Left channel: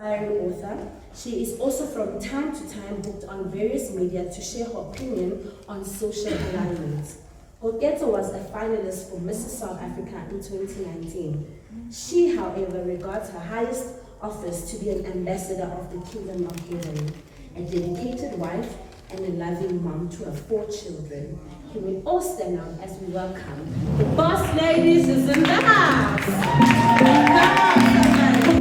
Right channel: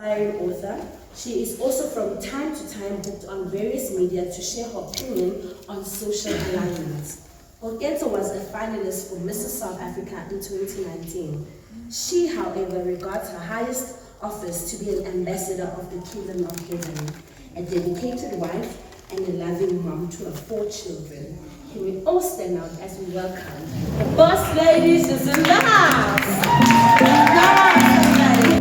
Aspiring author, she is also from time to time booked on various media to share her opinion on social alignment. Koketso was a finalist for Mrs. South Africa in 2019. She, however, regards her highest office to be an ambassador of the Kingdom of Heaven, a dedicated wife and a loving mom to her 4 children. Can we all stand out as we welcome the boss ladies is in the house? Come on, somebody.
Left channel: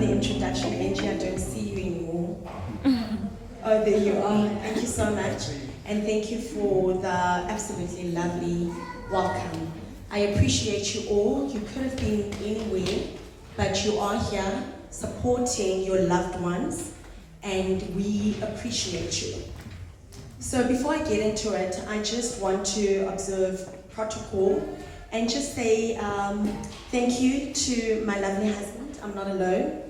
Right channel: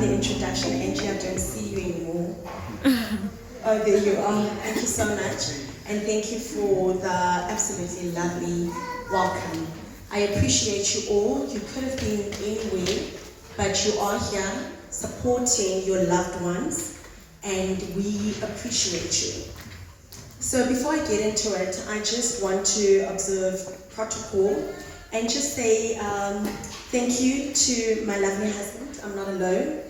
Introduction, Angie, I don't see you anymore. Oh, there you are. Thank you so much. And thank you for the absolutely lovely welcome. I appreciate you all. You could have been anywhere, but you are here supporting your loved ones, and we appreciate you. So before I get into it, I just want to observe protocol and just say thank you to my lovely husband. I'm not alone.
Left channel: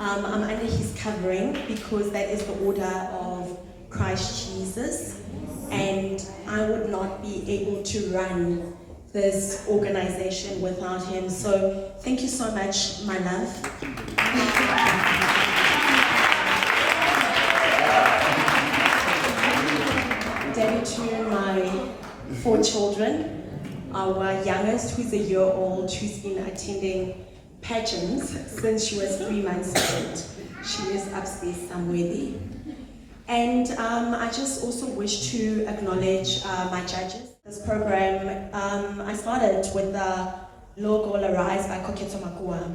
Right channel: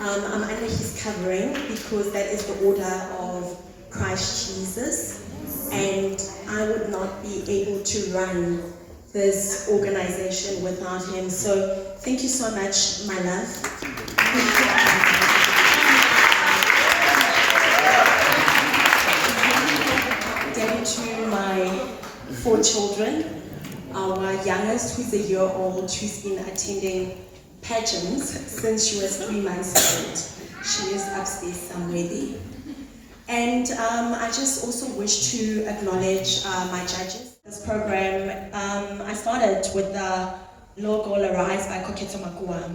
I'm under his covering because that is the order of Christ Jesus, and I would not be able to run this organization without him. So thank you so much, my love. Daddy to my 4 children, our youngest, who's a year old, who's been attending pageants since she was 3 months old. She is upstairs somewhere there. And I just also wish to acknowledge my judges. This program, I started with the logo Arise by Koketso Makua.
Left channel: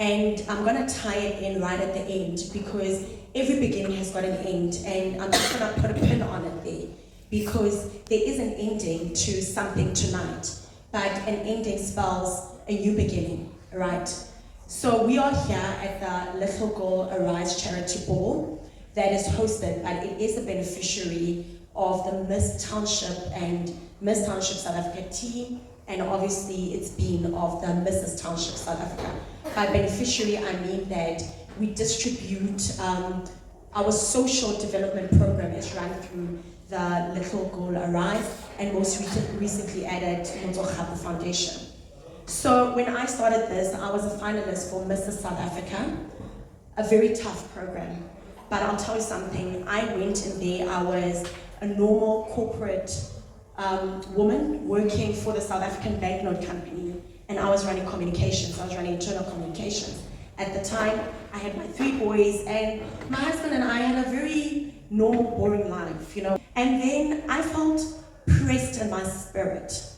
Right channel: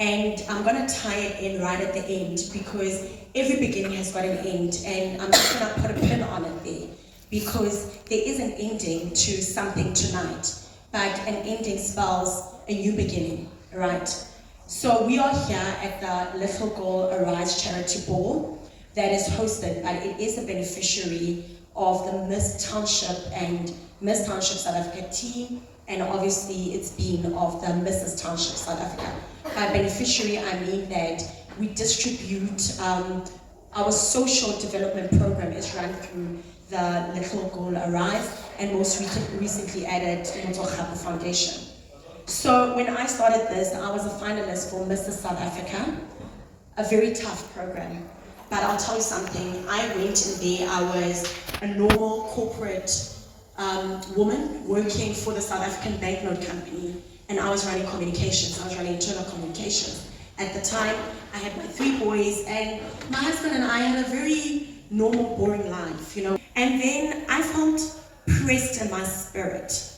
And I'm going to tie it in right at the end because every beginning has got an end, and I'm just going to put a pin on it there because there is an ending to something tonight, but an ending spells a new beginning. Right, so we are here at the Little Girl Arise Charity Ball that is hosted, but it is a beneficiary of the Miss Township and Miss Township South Africa team, and obviously it's been of the Mrs. Township South Africa. By beneficiary, I mean that we distribute our social development program is run through the Little Girl Arise, and most recently added Motokgapo Foundation. So when I started this, I was a finalist for Mrs. South Africa, a very tough program. But I'll tell you something, I went in there, I was a normal corporate woman working for the South African banknote company, and I was running communications, I was running internal communications. At the time, I had my 3 boys, and my husband and I had a very normal, boring life, you know. And then I felt pressed in my spirit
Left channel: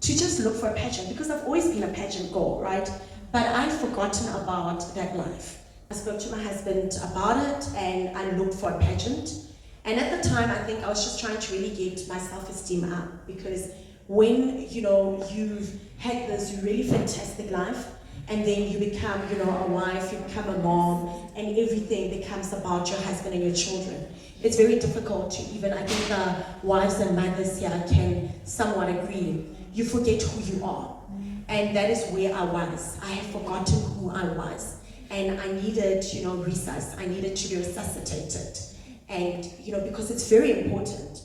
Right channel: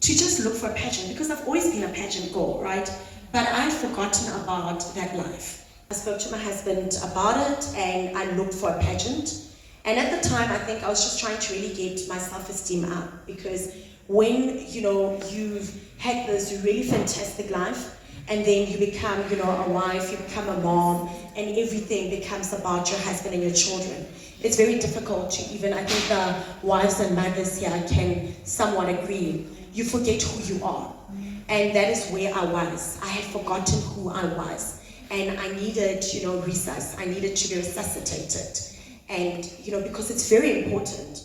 to just look for a pageant, because I've always been a pageant girl, right? But I'd forgotten about that life. I spoke to my husband about it, and I looked for a pageant. And at the time, I think I was just trying to really get my self-esteem up, because when, you know, you've had this really fantastic life, and then you become, you know, a wife, you become a mom, and everything becomes about your husband and your children. It's very difficult to even, I think the wives and mothers here can somewhat agree. You forget who you are. And that is where I was. I had forgotten who I was. And I needed, you know, resus. I needed to be resuscitated. And, you know, because it's very important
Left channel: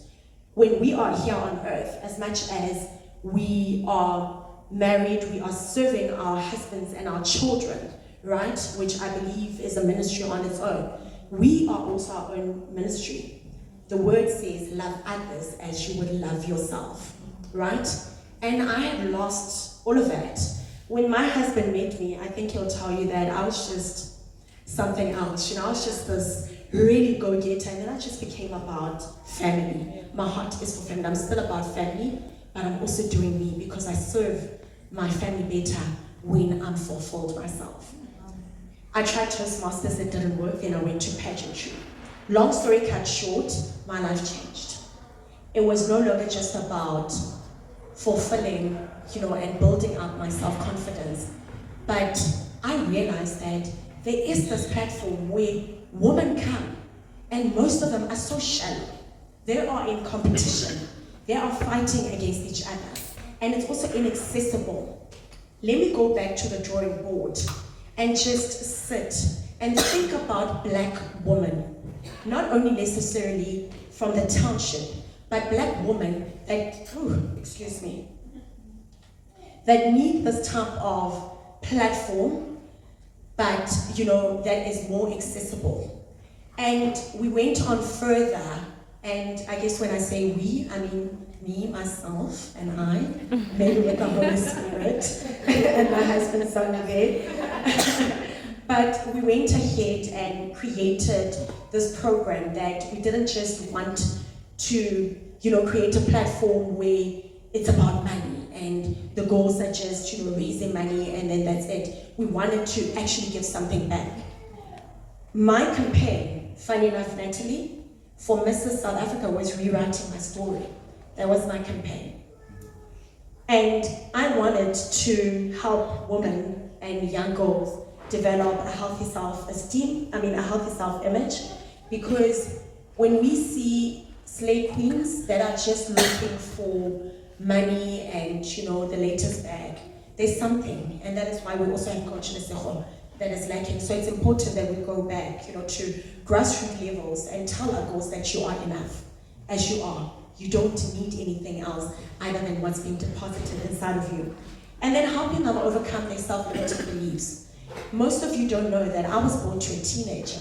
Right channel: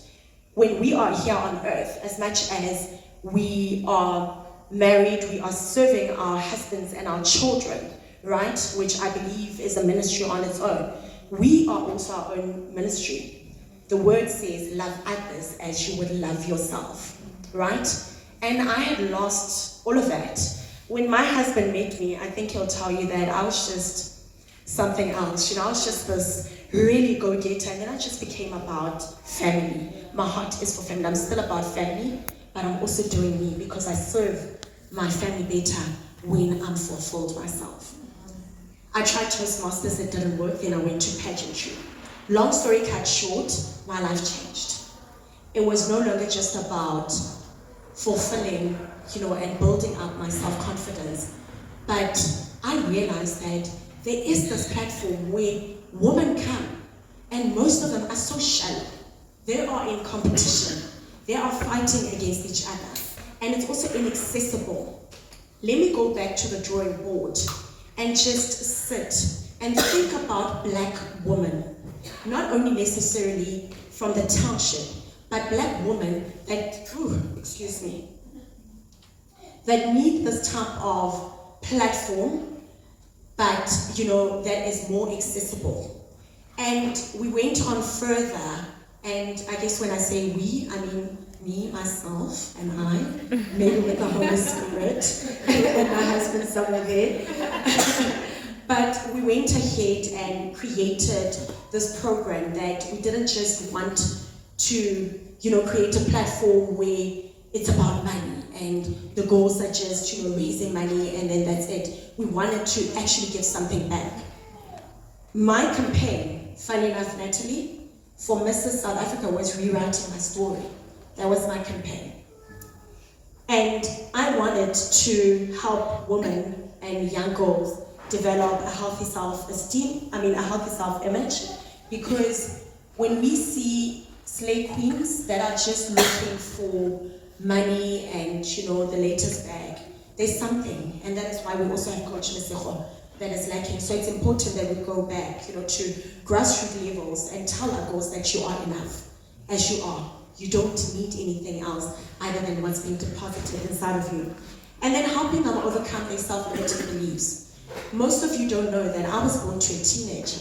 when we are here on earth, as much as we are married, we are serving our husbands and our children, right? Which I believe is a ministry on its own. We are also our own ministry. The word says, love others as you would love yourself, right? And I had lost all of that. When my husband met me, I think he'll tell you that I was just something else. You know, I was just this really go-getter, and then I just became about family. My heart is for family. I'm still about family, but I'm also doing me because I serve my family better when I'm fulfilled myself. I tried Toastmasters, it didn't work, then I went to pageantry. Long story cut short, my life changed. It was no longer just about fulfilling, you know, and building up my self-confidence. But I realized that there is this platform where women come, and most of them are so shallow. They are in competition. They are fighting against each other. And it's also inaccessible. Let me go back to the drawing board and just sit and think about black women. Not only necessarily from the township, but black women that, that need this type of platform, but that is more accessible. And we went on further, and I guess when I say we, I mean me, myself, and I, maybe with the Holy Spirit, and my husband somewhere there. But we went ahead and created this program that we didn't just want to, create a platform where it's about money and the goals are just, raising money and then that's it. We wanted to actually give something back. My campaign, funny enough, Natalie, for Mrs. South Africa was rewriting my story. That was my campaign. And I wanted to help women and young girls develop a healthy self-esteem, a healthy self-image, because when we see slave queens that are just looking for money and the latest bag, there's something, and that is why we also have Coach Lesego that is lacking. So it's important that we go back, to grassroots levels and tell our girls that you are enough as you are. You don't need anything else other than what's being deposited inside of you. And then helping them overcome their self-limiting beliefs. Most of you don't know that I was born to a teenager.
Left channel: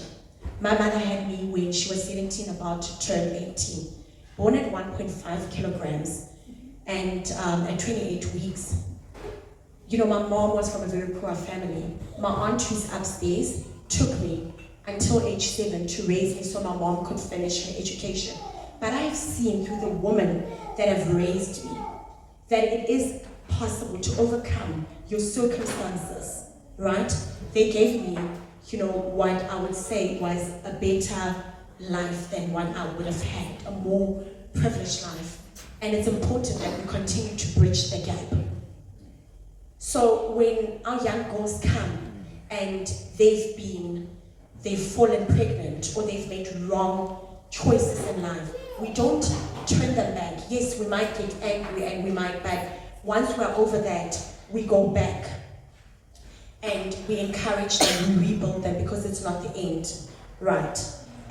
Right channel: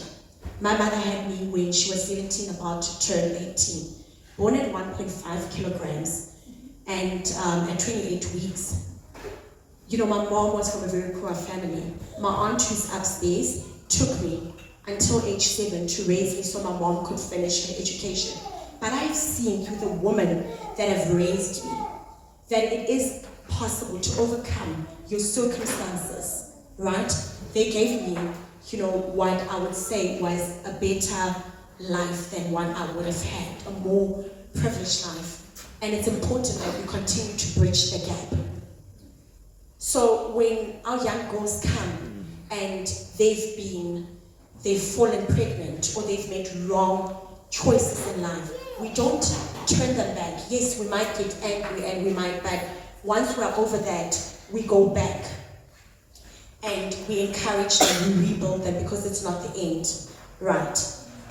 My mother had me when she was 17, about to turn 18. Born at 1.5 kilograms and at 28 weeks. My mom was from a very poor family. My aunt who's upstairs took me until age 7 to raise me so my mom could finish her education. But I've seen through the women that have raised me that it is possible to overcome your circumstances. Right? They gave me, what I would say was a better life than what I would have had, a more privileged life. And it's important that we continue to bridge the gap. So when our young girls come and they've fallen pregnant or they've made wrong choices in life, we don't turn them back. Yes, we might get angry and but once we're over that, we go back. And we encourage them, we rebuild them because it's not the end, right?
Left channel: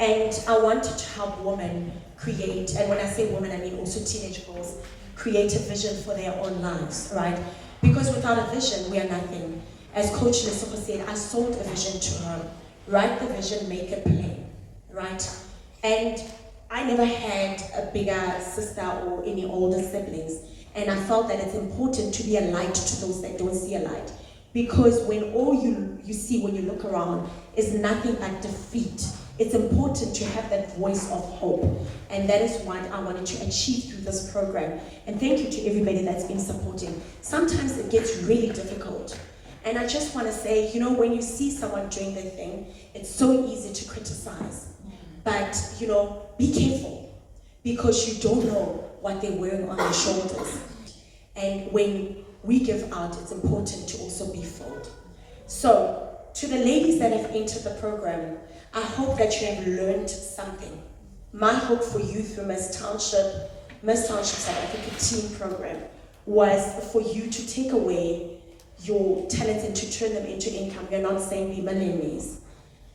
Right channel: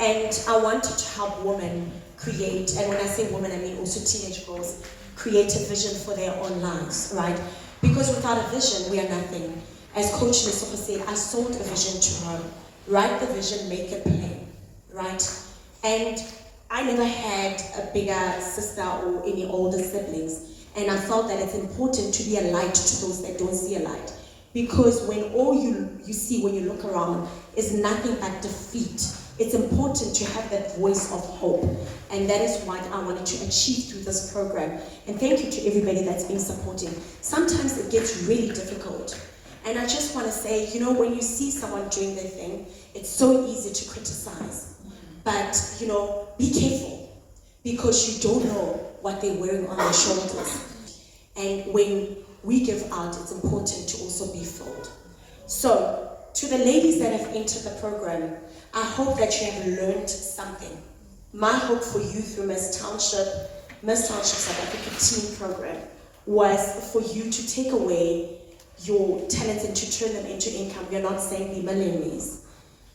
And I wanted to help women create, and when I say women, I mean also teenage girls, create a vision for their own lives, right? Because without a vision, we are nothing. As Coach Lesego said, I sold a vision to her. Write the vision, make it plain, right? And I never had a bigger sister or any older siblings, and I felt that it's important to be a light to those that don't see a light. Because when all you see when you look around is nothing but defeat, it's important to have that voice of hope. And that is what I wanted to achieve through this program. And thank you to everybody that's been supporting. Sometimes it gets really difficult. And I just want to say, when you see someone doing their thing, it's so easy to criticize. But, be careful. Because you don't know what they're wearing on their shoulders. And when we give out, it's important to also be filled. So, to the ladies that have entered the program, I hope that you have learned something. My hope for you through Miss Township South Africa Team Program was for you to take away your talents and to turn them into income. We're not saying be millionaires,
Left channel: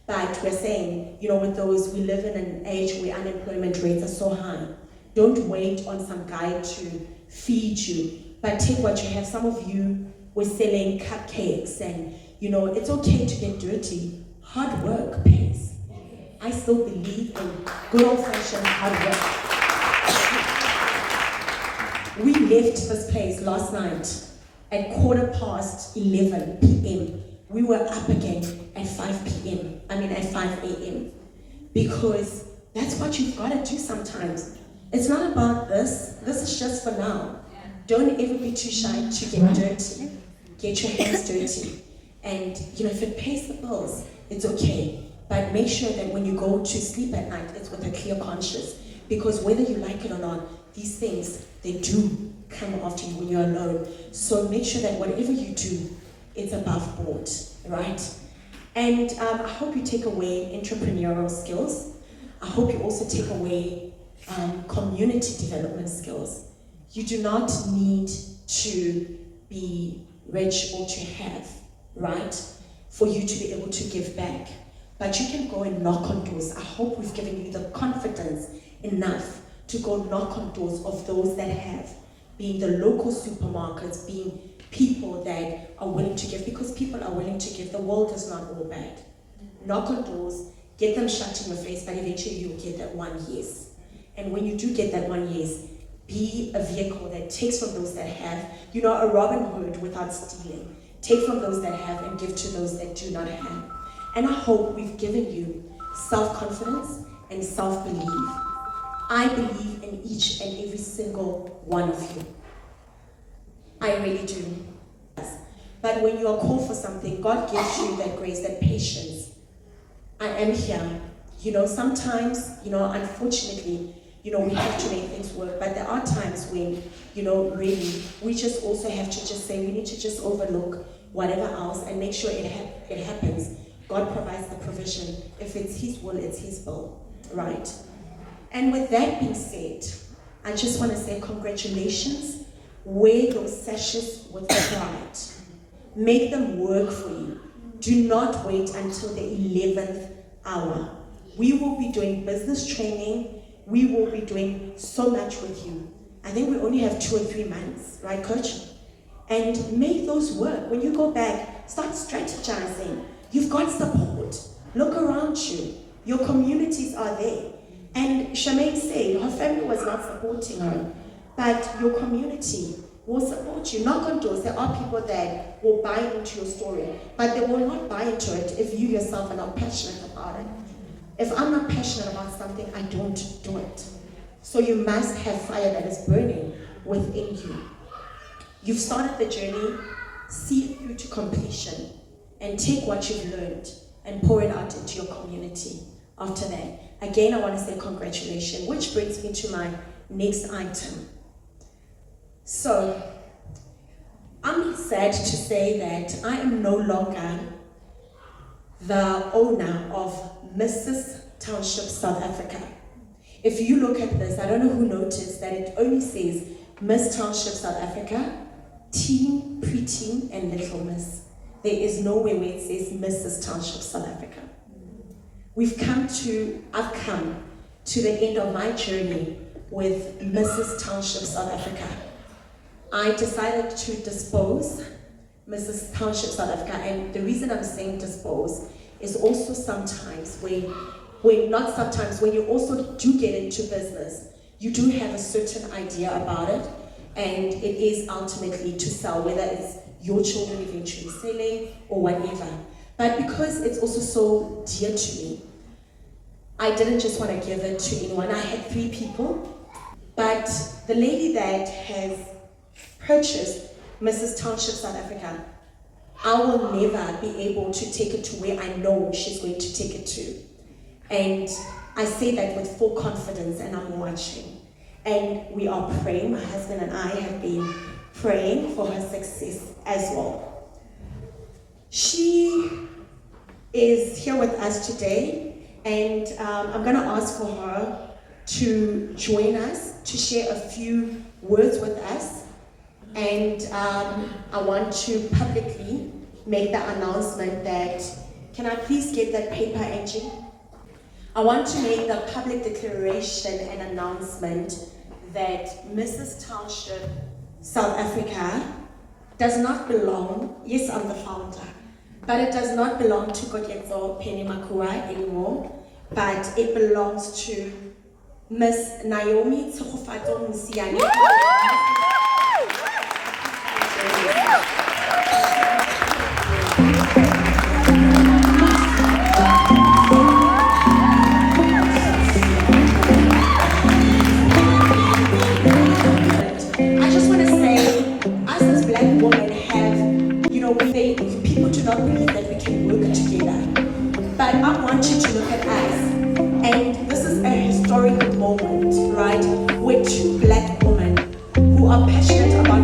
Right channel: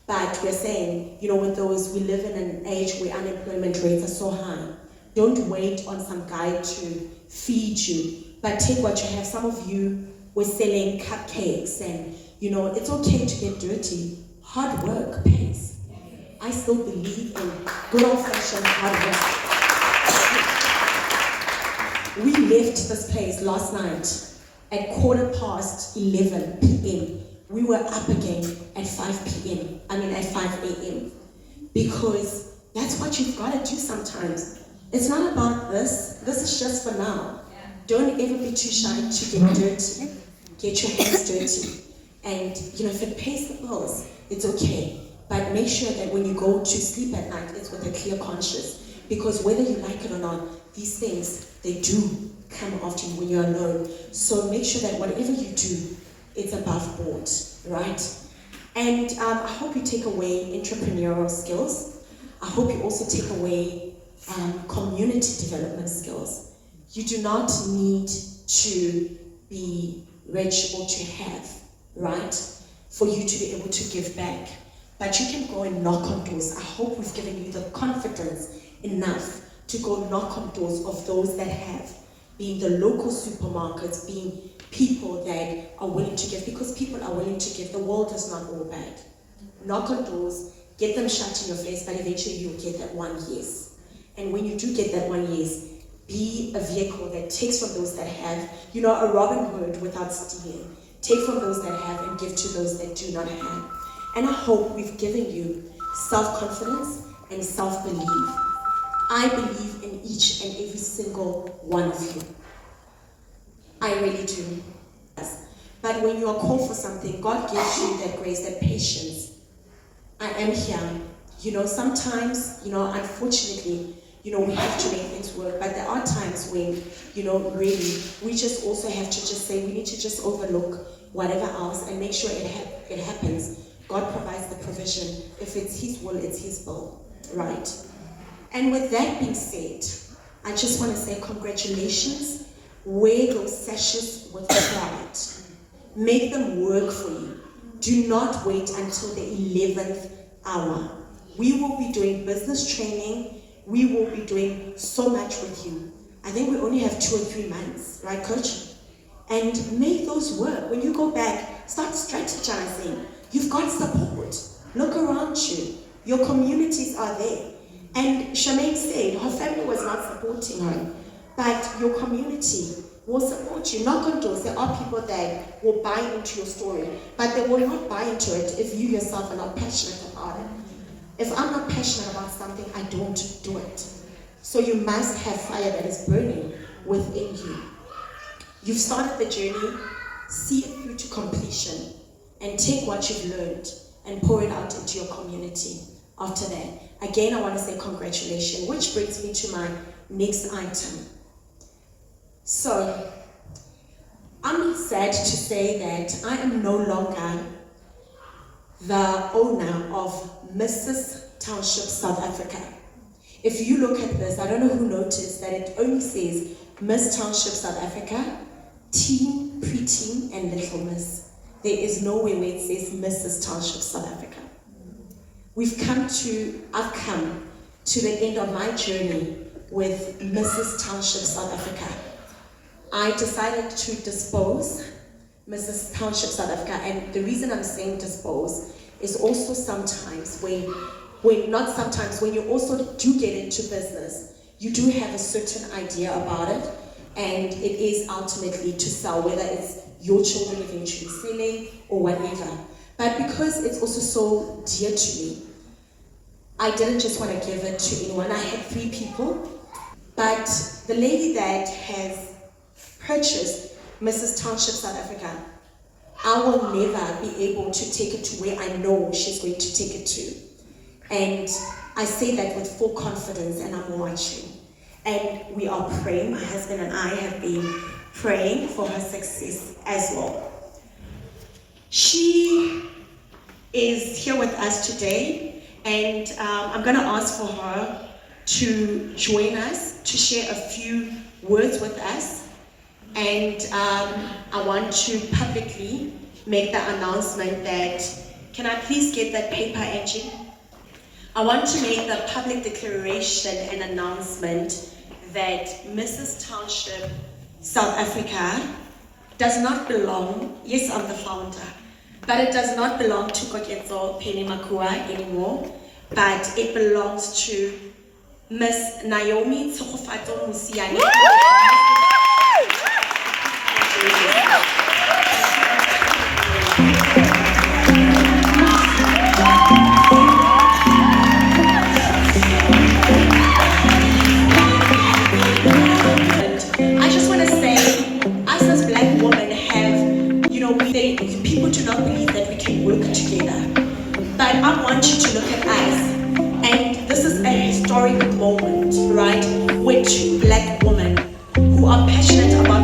but we're saying, with those, we live in an age where unemployment rates are so high. Don't wait on some guy to feed you. But take what you have. Some of you were selling cupcakes and, it's okay to get dirty. Hard work pays. I still believe in good old-fashioned hard work. We left this place last night at 11:15 p.m. We were up again at 5 a.m. Because that's what you've got to do sometimes. It's not about this. This is just for now. Don't ever be too shy to get dirty. Get your hands dirty. And, if it pays the bills, it's okay. But make sure that when you go to sleep at night, it's with a clear conscience. Because whether you like it or not, these things, they do come after you when you're alone. So make sure that whatever you do, it's above board, right? And I hope you take away entrepreneurial skills. I hope you also take away community development skills. You do not need to be rich or to have, right, for you to be able to give back. But you can go and knock on doors. I hope we've given you the confidence enough to go knock on doors of those that have, being the local supermarkets, being people that are willing to give, because people are willing to give. The world is not all bad. Knock on doors, get them shut in your face, but eventually you'll get that one yes. And when you do get that one yes, be a vehicle that takes from those that have, a Robin Hood without stealing. Take from those that have and give to those that do not have. And I hope we've given you self-confidence and self-belief. I believe in each and every single one of you. I really do. But when you are called for something, God gives you that grace, that patience. I am here. Sometimes, unfortunately, we have to make things work, but there are times when, really, we just also have to just say, we need to just overlook whatever else and make sure it happens. God provides the provision. If it's His will, it's His will, right? And with that being said, I just want to say congratulations. Wear those sashes with pride. Make them work for you. Do not wait until the 11th hour. We will be doing business training. We will be doing so much with you. I think we only have 2 or 3 months, right, Coach? And make those work. When you go back, start strategizing. You've got support. Look around you. Your communities are there. And Shamaine said her family was not supporting her, but your community will support you. Knock on doors. There are people that will buy into your story, but they will not buy into it if you yourself are not passionate about it. If I'm not passionate about something, I don't do it. So you must have fire that is burning within you. You've started the journey, see it through to completion, and take what you've learned and pour it out into your community. After that, again, I want to say congratulations, which brings me to my next item. So, I'm sad to say that I am no longer the owner of Mrs. Township South Africa. If you look at this, I don't know who noticed that it only says Miss Township South Africa, Teen, Preteen, and Little Miss. There is nowhere where it says Mrs. Township South Africa. I've come to the end of my journey with Mrs. Township South Africa. I decided to dispose Mrs. Township South Africa, and the reason I'm saying dispose is also sometimes when you also do get into business, you do have a certain idea about it, and it is ultimately to sell, whether it's your children eventually selling or whatever. But because it's also so dear to me, I didn't just want to give it to anyone. I had 3 people, but the lady that has purchased Mrs. Township South Africa, I will never be able to take it to where I know she's going to take it to. And I say that with full confidence, and I'm watching. And we are praying, my husband and I have been praying for her success as well. She is here with us today, and I'm going to ask for her to join us, to share a few words with us. And I want to publicly make the announcement that, can I please get that paper, Angie? I want to make the public declaration and announcement that Mrs. Township South Africa does not belong, yes, I'm the founder, but it does not belong to Koketso Penny Makua anymore, but it belongs to Miss Naomi Tsogofato Musiane. People do not believe that we can work together. But I want you to look at us. And this is a historic moment, right? Where 2 black women who are passionate about